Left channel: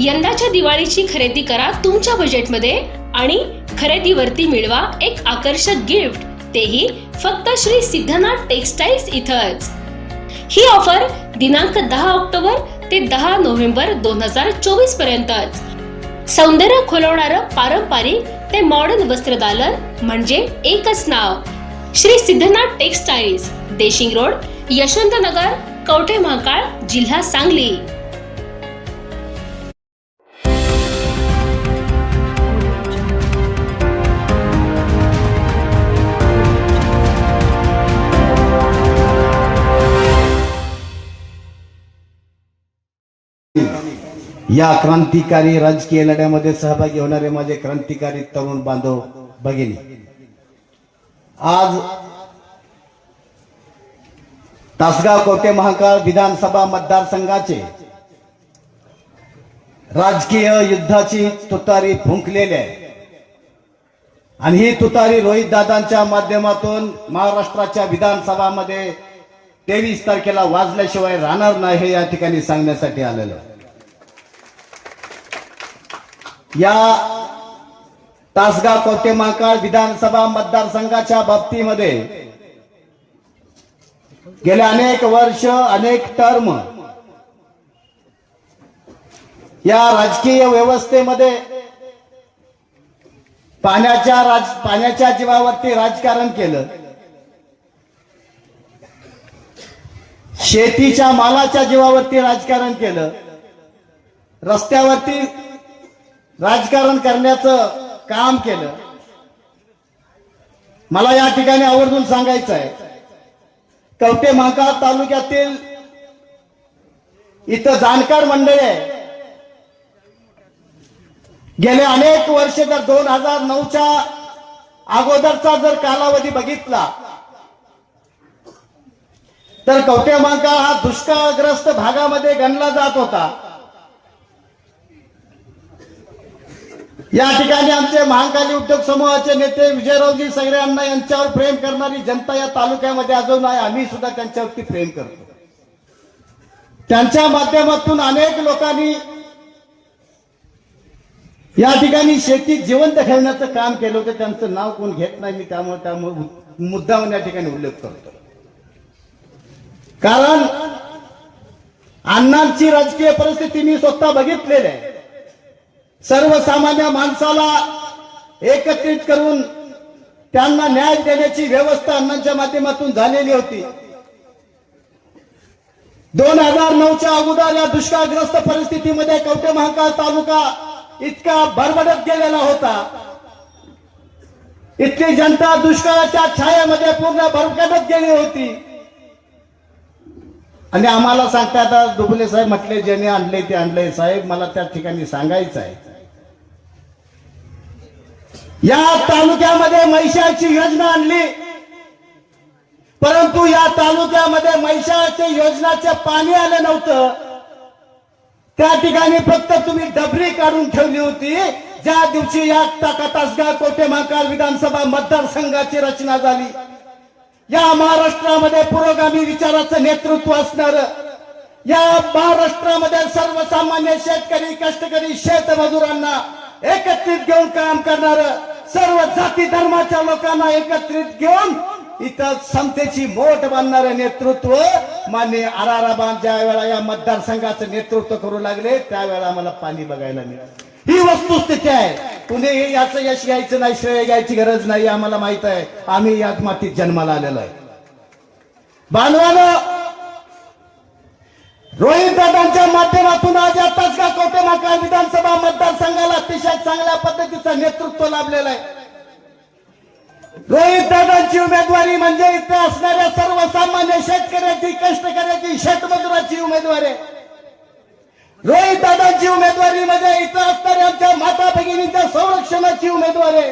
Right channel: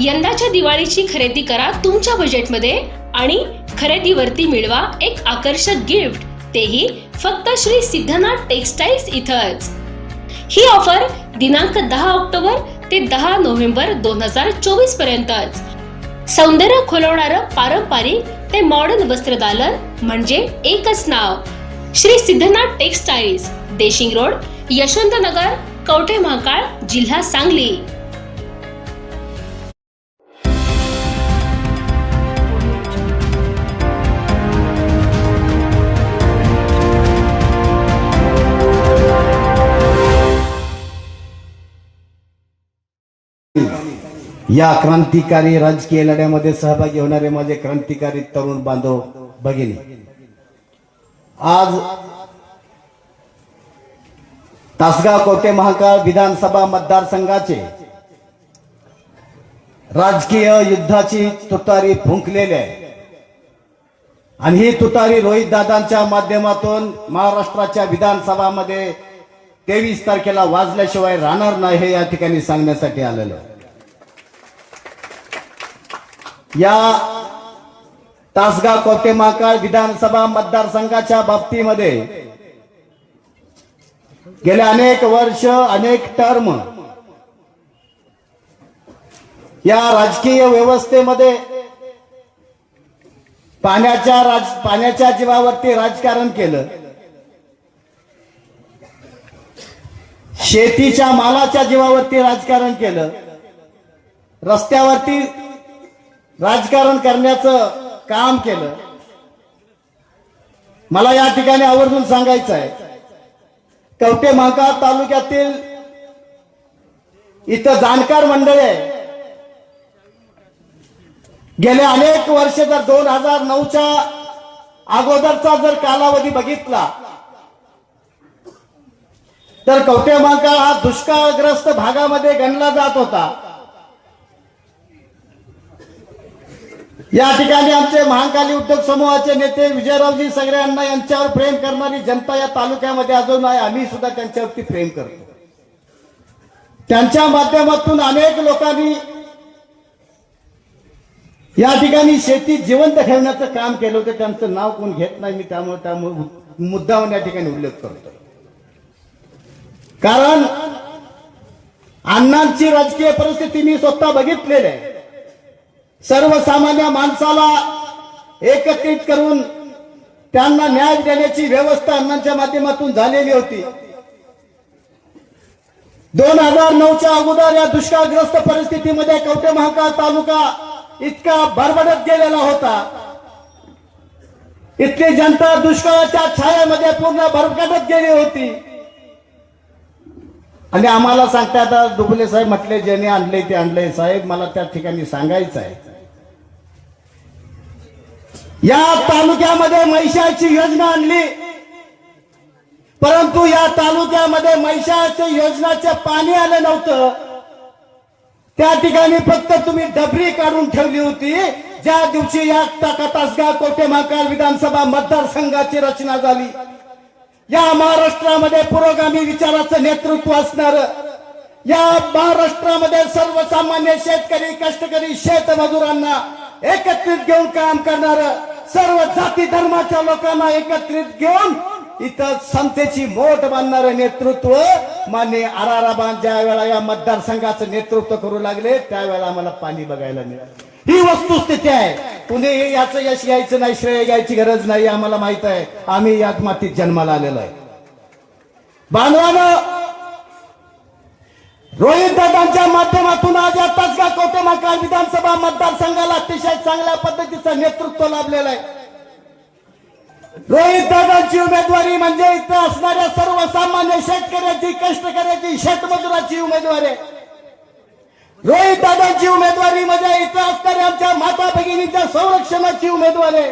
यंदाच्या दिवाळीची खरेदी करा तुमच्या बजेटमध्ये आणि खरेदीवरती मिळवा एक आकर्षक गिफ्ट तेही फक्त श्री सिद्धनाथ टेक्सटाईल्स इथंच. ही ऑफर दिनांक दहा ऑक्टोबर ते दहा नोव्हेंबर दोन हजार चोवीस पर्यंतच. सौंदर्य खुलवणारं पारंपरिक ते मॉडर्न वस्त्रदालन म्हणजे एकच नाव. श्री सिद्धनाथ टेक्सटाईल्स देशिंग रोड यशवंतनगर कवठे महाकाळ जिल्हा सांगली. या क्रांतिकारी राजकीय लढ्यामध्ये सहभागी होणारे माझे क्रांतिकारी तरुण बांधव भगिनी. आज तासगाव कोटे महाकाळ विधानसभा मतदारसंघाचे राजकीय युद्धाची तुतारी फुंकलेली आहे. आणि ही तुतारी रोहित दादांच्या माध्यमातून महाराष्ट्राच्या विधानसभामध्ये तेवीस तारखेला वाजल्याशिवाय राहणार नाही हे या ठिकाणी सांगण्यासाठी आलेलं या तासगाव कोटे महाकाळ विधानसभा मतदारसंघाच्या बाबतीमध्ये गेले अनेक वर्ष अनेक टर्म या राजकीय व्यवस्थेमध्ये पाण्याच्या राज पाण्याच्या जीवावरती राजकारण केलं. शेतीच्या मालाच्या जीवावरती राजकारण केलं. रस्त्यावरती राजकारण करण्याचं काम केलं. मला या ठिकाणी आवर्जून सांगायचं आहे. कवटे महाकाळ तालुक्यातील इथं जाणकार मंडळ आहे. गेले अनेक वर्ष जर दोन हजार नऊच्या अगोदरचा जर कालावधी बघितला तर कवटे महाकाळ हा दुष्काळग्रस्त भागामध्ये गणला जात होता. या ठिकाणी आमचे महाकाली उद्योग समूहाचे नेते विजयरावजी सगळ्यांना यांच्यावर प्रेम करणारी जनता या तालुक्यामध्ये अजून आहे. आम्ही सुद्धा त्यांच्यावरती प्रेम करतो. त्यांच्या माध्यमातून अनेक लोकांनी या ठिकाणी शेती जिवंत ठेवण्याचं काम केलं होतं. त्यांचं नाव कोण घेत नाही मी त्यामुळे त्यामुळे मुद्दावर या ठिकाणी उल्लेख करतो. कारण अण्णांची राजकीय परिस्थिती मी स्वतः बघितलेली आहे. सर्वसामान्य माणसाला एकत्रित करून त्यांना न्याय देण्याची व्यवस्था अण्णांच्या माध्यमातून झालेली होती. दोन हजार नऊच्या अगोदर या दुष्काळग्रस्त परिस्थितीमध्ये कवटे महाकाळ तालुका इतका भरभडत गेलेला होता. इथली जनता दुष्काळाच्या छायामध्ये पूर्ण भरकटत गेली होती. आणि आम्हाला सांगतात दुबले साहेब म्हटले ज्याने आणले ते आणले. साहेब मला त्या ठिकाणी सांगायचं आहे. या तालुक्यामध्ये महिषाची योजना आणली. परंतु या तालुक्यामध्ये महिषाच्या योजनाचे पाणी आलं नव्हतं. त्या ठिकाणी फक्त तुम्ही डबरी काढून ठेवली होती. ज्या दिवशी या तासगाव कोटे महाकाळ विधानसभा मतदारसंघाची रचना झाली. या महाराष्ट्रामध्ये पुरोगामी विचाराचं नेतृत्व असणार. या महाराष्ट्रामध्ये सर्वसामान्य शेतकरी कष्टकरी शेतमजुरांना एकत्रित घेऊन काम करणार. सर्व जाती धर्माच्या लोकांना एकत्रित घेऊन इथं समतेची मोठ बांधणारं नेतृत्व मान्य आराराबान ज्या वेळा या मतदारसंघाचं नेतृत्व करू लागले त्यावेळेला मला पाणी बघायला मिळालं. ही वस्तुस्थिती आहे. कुणीही याचं यश घ्यायचं नाही श्रेय घ्यायची गरज नाही आम्हाला माहीत आहे. आम्ही याच मातीत जन्माला आलेलो आहे. बांधवानं रोहित दादांच्या माध्यमातून आज आताच का कोटे महाकाळ विधानसभा मतदारसंघाला अतिशय चांगल्या पद्धतीचं नेतृत्व लाभलेलं आहे. रोहित दादांची उमेदवारी म्हणजे इथे असणाऱ्या सर्वसामान्य शेतकऱ्याची कष्टकऱ्याची शेतमजुराची उमेदवारी आहे. रोहित दादांची उमेदवारी म्हणजे इथं असणाऱ्या आमच्या माता भगिनीच्या संरक्षणाची उमेदवार. आहे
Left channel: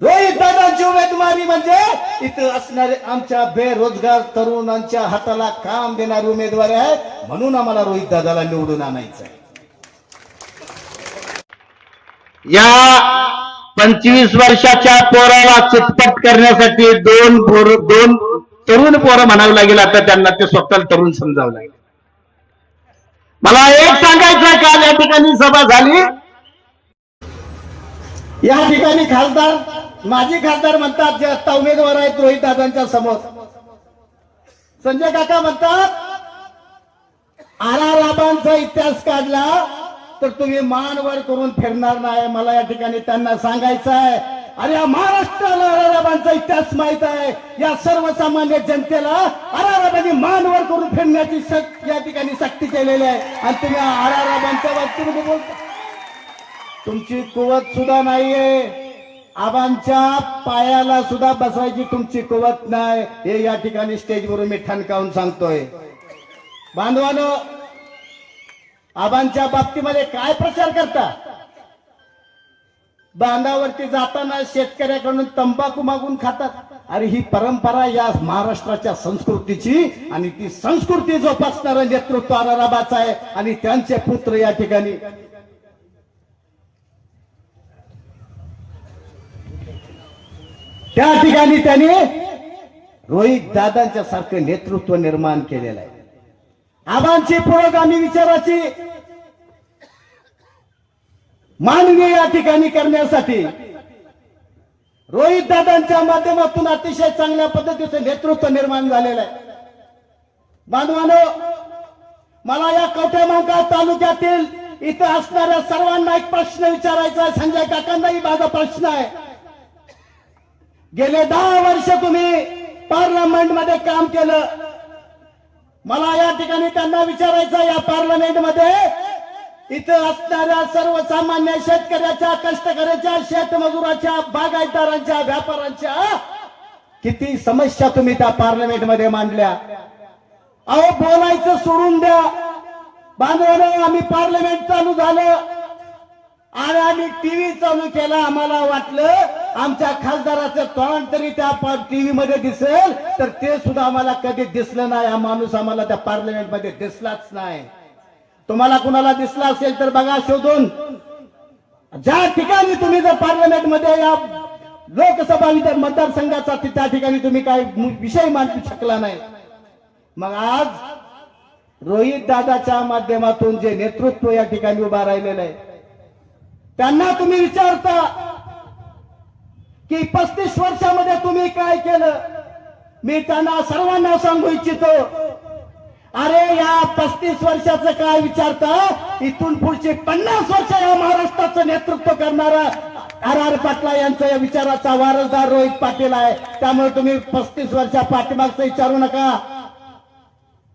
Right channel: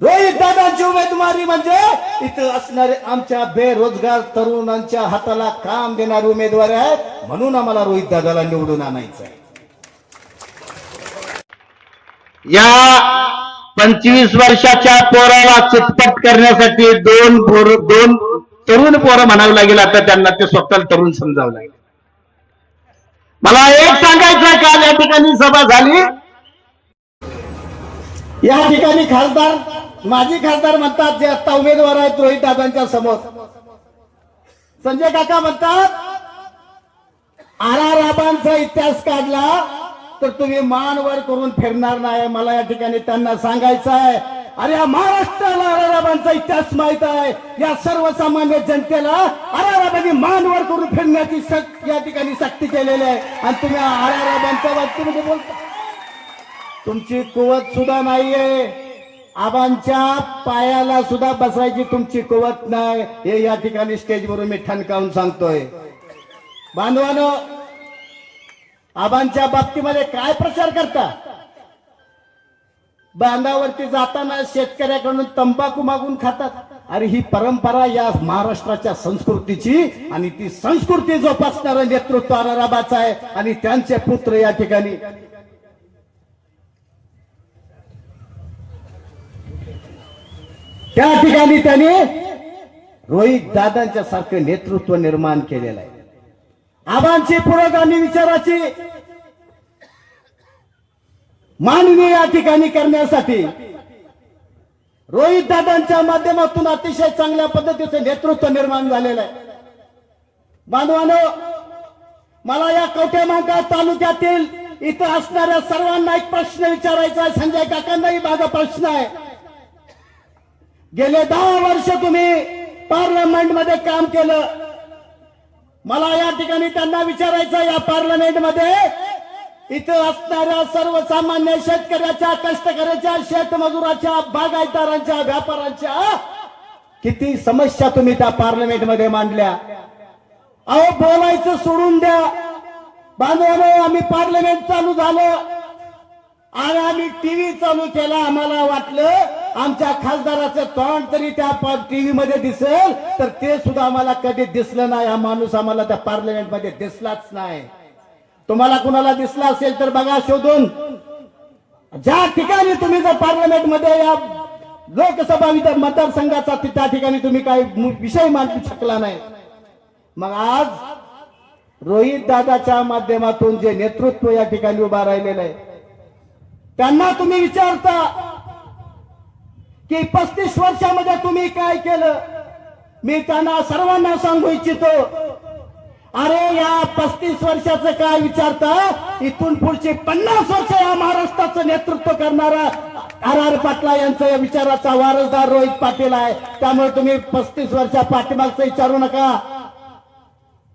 रोहित दादांची उमेदवारी म्हणजे इथं असणारे आमच्या बेरोजगार तरुणांच्या हाताला काम देणारे उमेदवारी आहे. म्हणून आम्हाला रोहित दादाला निवडून आणायचं आहे या पंचवीस वर्षाच्या पोराला चितपट करण्यासाठी दोन पोर दोन तरुण पोरं म्हणावं लागेल. आता त्यांना ते स्वतःला तरुण समजावं लागेल. मला एक सांगायचं काल या ठिकाणी सभा झाली. या ठिकाणी खासदार माजी खासदार म्हणतात जे आता उमेदवार आहेत रोहित दादांच्या समोर. संजय काका म्हणतात आर आर राबांचा इतिहास काढला तर तुम्ही मान वर करून फिरणार नाही. मला या ठिकाणी त्यांना सांगायचं आहे. अरे या महाराष्ट्राला आर आर राबांचा इतिहास माहीत आहे. या सर्वसामान्य जनतेला अरे आर मानवर करून फिरण्याची सक- या ठिकाणी सक्ती केलेली आहे. आणि तुम्ही आरारा बांधच्या राबांच्या बाबतीमध्ये बोलता. तुमची कुवत सुद्धा नाहीये. आबांच्या पायाला सुद्धा बसायची तुमची कुवत नाही. हे या ठिकाणी स्टेजवरून मी ठणकावून सांगतोय. बांधवानो आबांच्या बाबतीमध्ये काय प्रचार करता? बांधावरती जाताना शेतकऱ्याकडून तंबाखू मागून खातात. अरे ही परंपरा या महाराष्ट्राच्या संस्कृतीची आणि ती संस्कृती जोपासणारं नेतृत्व आराराबाचं आहे आणि त्यांचे पुत्र या ठिकाणी. त्या ठिकाणी त्यांनी रोहित दादांच्या सारखं नेतृत्व निर्माण केलेलं आहे. आबांची पुरोगामी विचाराची. मानवी या ठिकाणी करण्यासाठी रोहित दादांच्या माध्यमातून अतिशय चांगल्या पद्धतीचं नेतृत्व निर्माण झालेलं आहे. बांधवानो मला या कवठेमांका तालुक्यातील इथं असणाऱ्या सर्वांना एक प्रश्न विचारायचा आहे. संजय काकांनाही माझा प्रश्न आहे. गेले दहा वर्ष तुम्ही पार्लमेंटमध्ये काम केलं. मला या ठिकाणी त्यांना विचारायचं या पार्लमेंटमध्ये इथं असणाऱ्या सर्वसामान्य शेतकऱ्याच्या कष्टकऱ्याच्या शेतमजुराच्या बागायतदारांच्या व्यापाऱ्यांच्या किती समस्या तुम्ही त्या पार्लमेंटमध्ये मांडल्या. अहो बोलायचं सोडून द्या. बांधवले आम्ही पार्लमेंट चालू झालं. आणि आम्ही टीव्ही चालू केला आम्हाला वाटलं आमच्या खासदाराचं तोंड तरी त्या टीव्ही मध्ये दिसेल तर ते सुद्धा आम्हाला कधी दिसलं नाही. हा माणूस आम्हाला त्या पार्लमेंटमध्ये दिसलाच नाही. तुम्हाला कुणाला दिसला असेल तर बघा शोधून. ज्या ठिकाणी तुम्ही जर पार्लमेंटमध्ये या लोकसभा विधान मतदारसंघाचा त्या ठिकाणी तुम्ही काही विषय मांडू शकला नाही. मग आज रोहित दादाच्या माध्यमातून जे नेतृत्व या ठिकाणी उभा राहिलेलं आहे त्यांना तुम्ही विचारता की पस्तीस वर्षामध्ये तुम्ही काय केलं? मी त्यांना सर्वांना सांगू इच्छितो अरे या पस्तीस वर्षाचं काय विचारता? इथून पुढचे पन्नास वर्ष या महाराष्ट्राचं नेतृत्व करणार आर आर पाटला यांचा या विचाराचा वारसदार रोहित पाटील आहे. त्यामुळे तुम्ही पस्तीस वर्षा पाठीमागचं विचारू नका.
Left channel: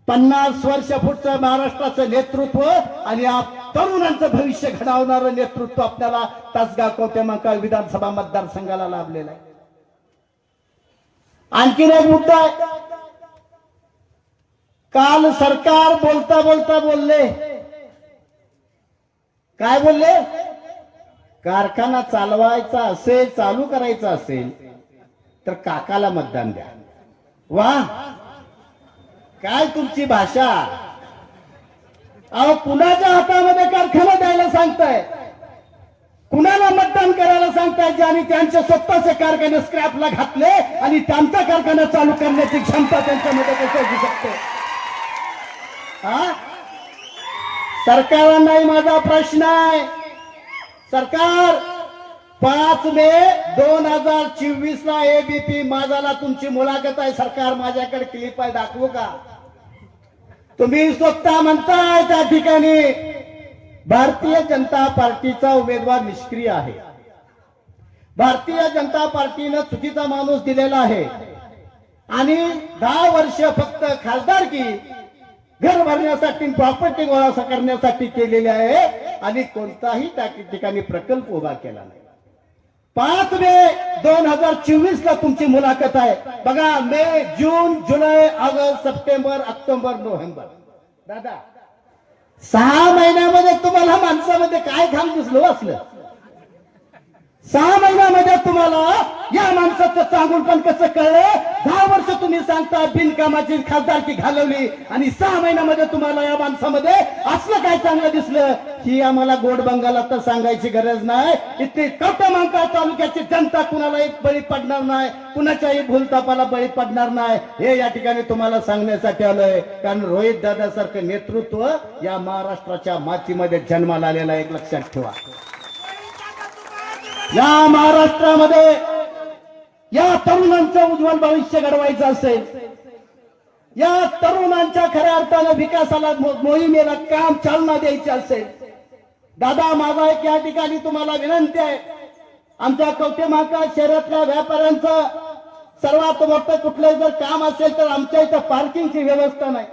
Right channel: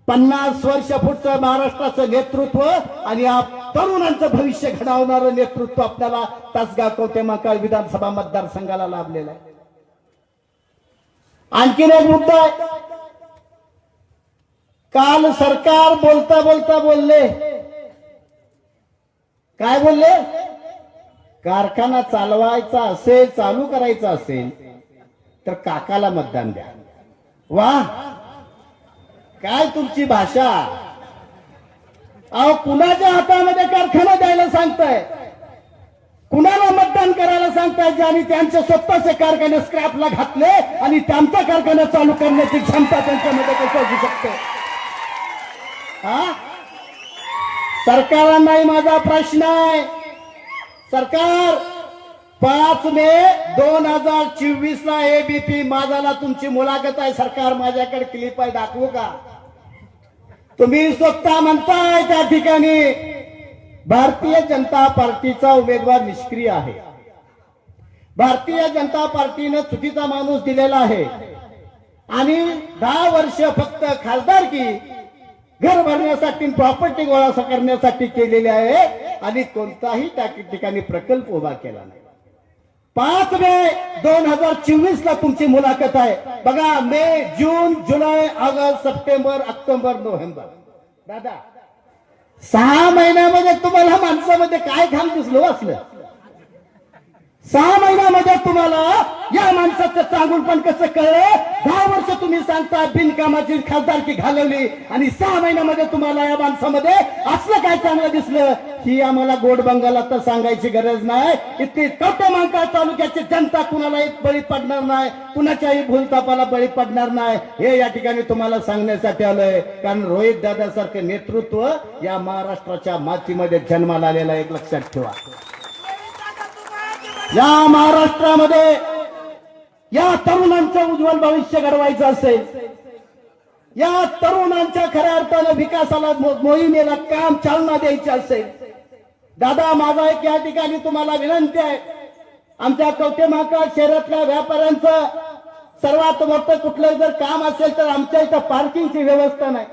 पन्नास वर्ष पुढचं महाराष्ट्राचं नेतृत्व आणि या तरुणांचं भविष्य घडवणारं नेतृत्व आपल्याला तासगाव कोटेमंकाळ विधानसभा मतदारसंघाला लाभलेलं आहे. आणखीन एक मुद्दा आहे. काल सरकार बोलता बोलता बोलले. काय बोलले? कारखाना चालवायचा असेल चालू करायचा असेल तर काकाला मतदान द्या. वा! काय तुमची भाषा? अहो कुणाच्या हातामध्ये कारखाना द्यायला सांगताय? कुणाला मतदान करायला सांगताय आणि त्यांचे स्वतःचे कारखाने स्क्रॅपला घातले आणि त्यांचा कारखाना चालू करण्याची क्षमता त्यांच्यामध्ये कसं असू शकते? हा? सरकारांनाही माझा प्रश्न आहे. सरकार पाच मे दोन हजार चोवीस ला एबीपी माझाला तुमची मुलाखत आहे. सरकार माझ्याकडे क्लिप आहे दाखवू का? तुम्ही स्वतः म्हणताय त्या ठिकाणी भारतीय जनता पार्टीचा उमेदवार निष्क्रिय आहे. भारतीय जनता पार्टीनं चुकीचा माणूस दिलेला आहे. आणि दहा वर्ष फक्त खासदारकी घर भरण्यासाठी प्रॉपर्टी गोळा करण्यासाठी केलेली आहे आणि कोणताही त्या ठिकाणी प्रकल्प उभा केला नाही. पाच मे दोन हजार चोवीस ला तुमची मुलाखत आहे. बघा मे जून जुलै ऑगस्ट सप्टेंबर ऑक्टोबर नोव्हेंबर. दादा सहा महिन्यामध्ये तुम्हाला माणसामध्ये काय घाम दिसलो असलं सहा महिन्यामध्ये तुम्हाला या माणसाचं चांगुलपण कसं कळलं? दहा वर्ष तुम्ही सांगता बिनकामाची खासदारकी घालवली आणि सहा महिन्यामध्ये तुम्हाला या माणसामध्ये असलं काय चांगलं दिसलं? ही आम्हाला गोड बंगाला तर सांगायची गरज नाही. इतकी कवटमांका तालुक्याची जनता कुणाला एक बळी पडणार नाही कुणाच्याही भूलतापाला बळी पडणार नाही. हे या ठिकाणी तुम्हाला सांगण्यासाठी आलोय. कारण रोहित दादासारखं नेतृत्व या महाराष्ट्राच्या मातीमध्ये जन्माला आलेला एक लक्षात ठेवा. या महाराष्ट्रामध्ये या तरुणांचं उज्ज्वल भविष्य घडवायचं असेल. या तरुणांच्या खऱ्या अर्थानं विकासाला मोहिमेला काम चालना द्यायची असेल. दादा माझा एक या ठिकाणी तुम्हाला विनंती आहे. आमच्या कवटेमाका शहरातल्या व्यापाऱ्यांचं सर्वात मोठं कुठलं जर काम असेल तर आमच्या इथं पार्किंगची व्यवस्था नाही.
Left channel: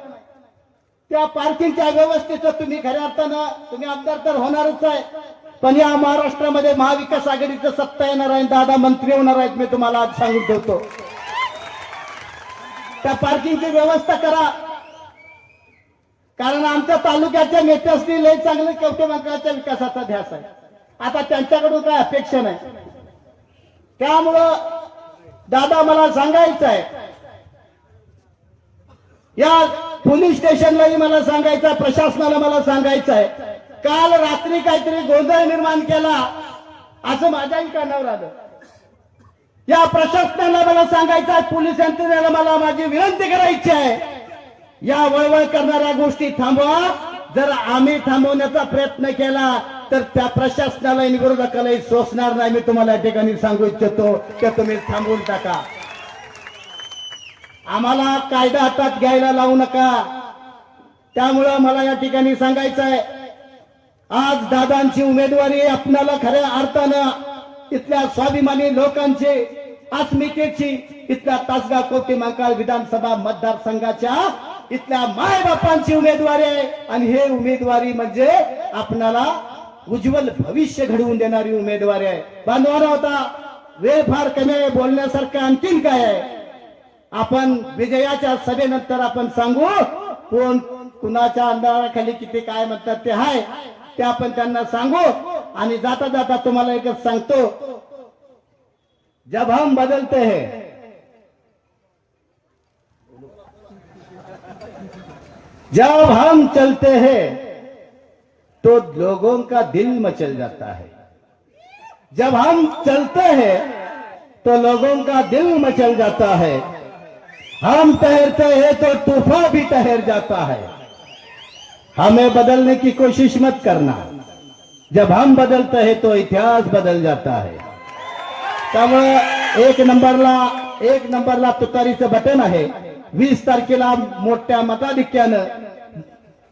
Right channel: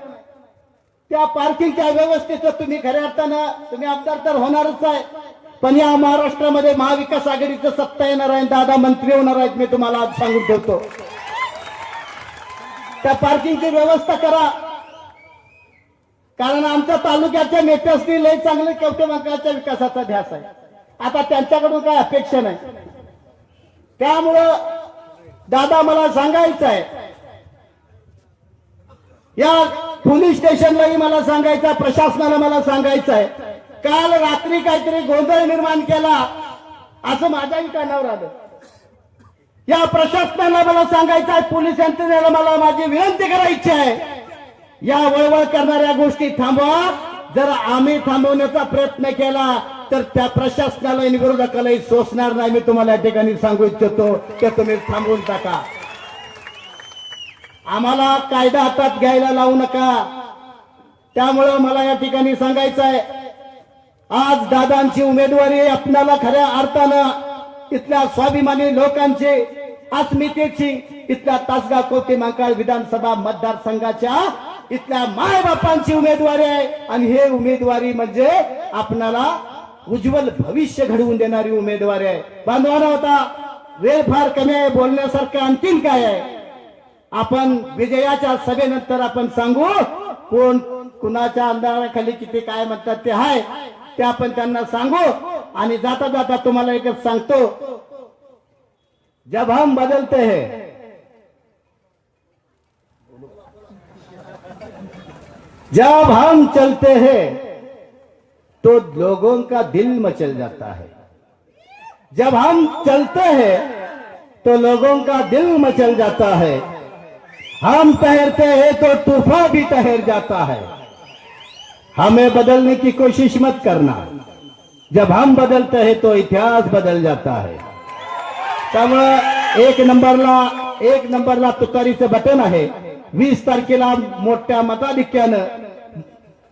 त्या पार्किंगच्या व्यवस्थेचं तुम्ही खऱ्या अर्थानं तुम्ही आमदार तर होणारच आहे. पण या महाराष्ट्रामध्ये महाविकास आघाडीचं सत्ता येणार आहे दादा मंत्री होणार आहेत मी तुम्हाला आज सांगून ठेवतो. त्या पार्किंगची व्यवस्था करा. कारण आमच्या तालुक्याच्या नेत्यासनी लय चांगले कवटे मंकाच्या विकासाचा ध्यास आहे. आता त्यांच्याकडून काय अपेक्षा नाही. त्यामुळं दादा मला सांगायचं आहे. या पोलीस स्टेशनलाही मला सांगायचं आहे प्रशासनाला मला सांगायचं आहे. काल रात्री काहीतरी गोंधळ निर्माण केला असं माझ्याही कानावर आलं. या प्रशासनाला मला सांगायचं आहे पोलीस यंत्रणेला मला माझी विनंती करायची आहे. या वळवळ करणाऱ्या गोष्टी थांबवा. जर आम्ही थांबवण्याचा प्रयत्न केला तर त्या प्रशासनाला विरोधकालाही सोसणार नाही. मी तुम्हाला या ठिकाणी सांगू इच्छितो ते तुम्ही थांबवून टाका. आम्हाला कायदा हातात घ्यायला लावू नका. त्यामुळं मला या ठिकाणी सांगायचं आहे आज दादांची उमेदवारी आपणाला खऱ्या अर्थानं इथल्या स्वाभिमानी लोकांचे अस्मितेची इथल्या तासगाव कोटी मांकाळ विधानसभा मतदारसंघाच्या इथल्या मायबापांची उमेदवारी आहे. आणि हे उमेदवारी म्हणजे आपणाला उज्ज्वल भविष्य घडवून देणारी उमेदवारी आहे. बांधवाना होता वेळ फार कमी आहे बोलण्यासारखं आणखीन काय आहे? आपण विजयाच्या सभेनंतर आपण सांगू कोण कुणाच्या अंधाराखाली किती काय म्हणतात ते आहे. ते आपण त्यांना सांगू आणि जाता जाता तुम्हाला एकच सांगतो. जब हम बदलते हैं. जब हम चलते हैं तो लोगों का दिल मचल जाता है. जब हम चलते हैं तो लोगों का दिल मचल जाता है. हम तैरते हैं तो तूफा भी तैर जाता है. हमें बदलने की कोशिश मत करना। जब हम बदलते हैं तो इतिहास बदल जाता है। त्यामुळं एक नंबरला एक नंबरला तुतारीचं बटन आहे वीस तारखेला मोठ्या मताधिक्यानं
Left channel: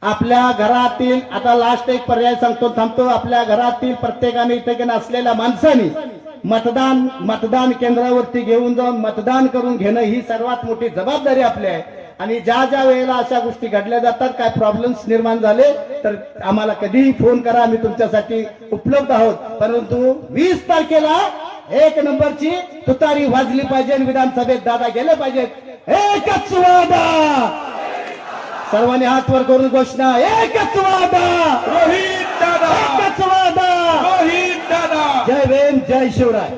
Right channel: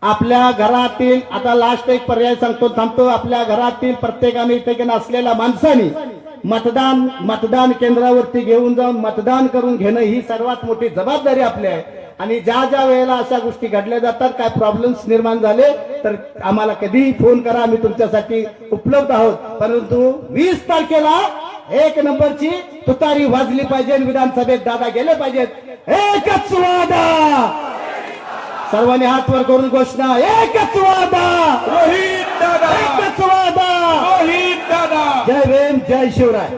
आपल्या घरातील आता लास्ट एक पर्याय सांगतो थांबतो आपल्या घरातील प्रत्येकाने इथे असलेल्या माणसाने मतदान मतदान केंद्रावरती घेऊन जाऊन मतदान करून घेणं ही सर्वात मोठी जबाबदारी आपली आहे. आणि ज्या ज्या वेळेला अशा गोष्टी घडल्या जातात काय प्रॉब्लेम्स निर्माण झाले तर आम्हाला कधीही फोन करा आम्ही तुमच्यासाठी उपलब्ध आहोत. परंतु वीस तारखेला एक नंबरची तुतारी वाजली पाहिजे विधानसभेत दादा गेले पाहिजेत. एकच वादा! सर्वांनी हात वर करून घोषणा एकच वादा! रोहित दादा! एकच वादा! रोहित दादा! जय भीम जय शिवराय!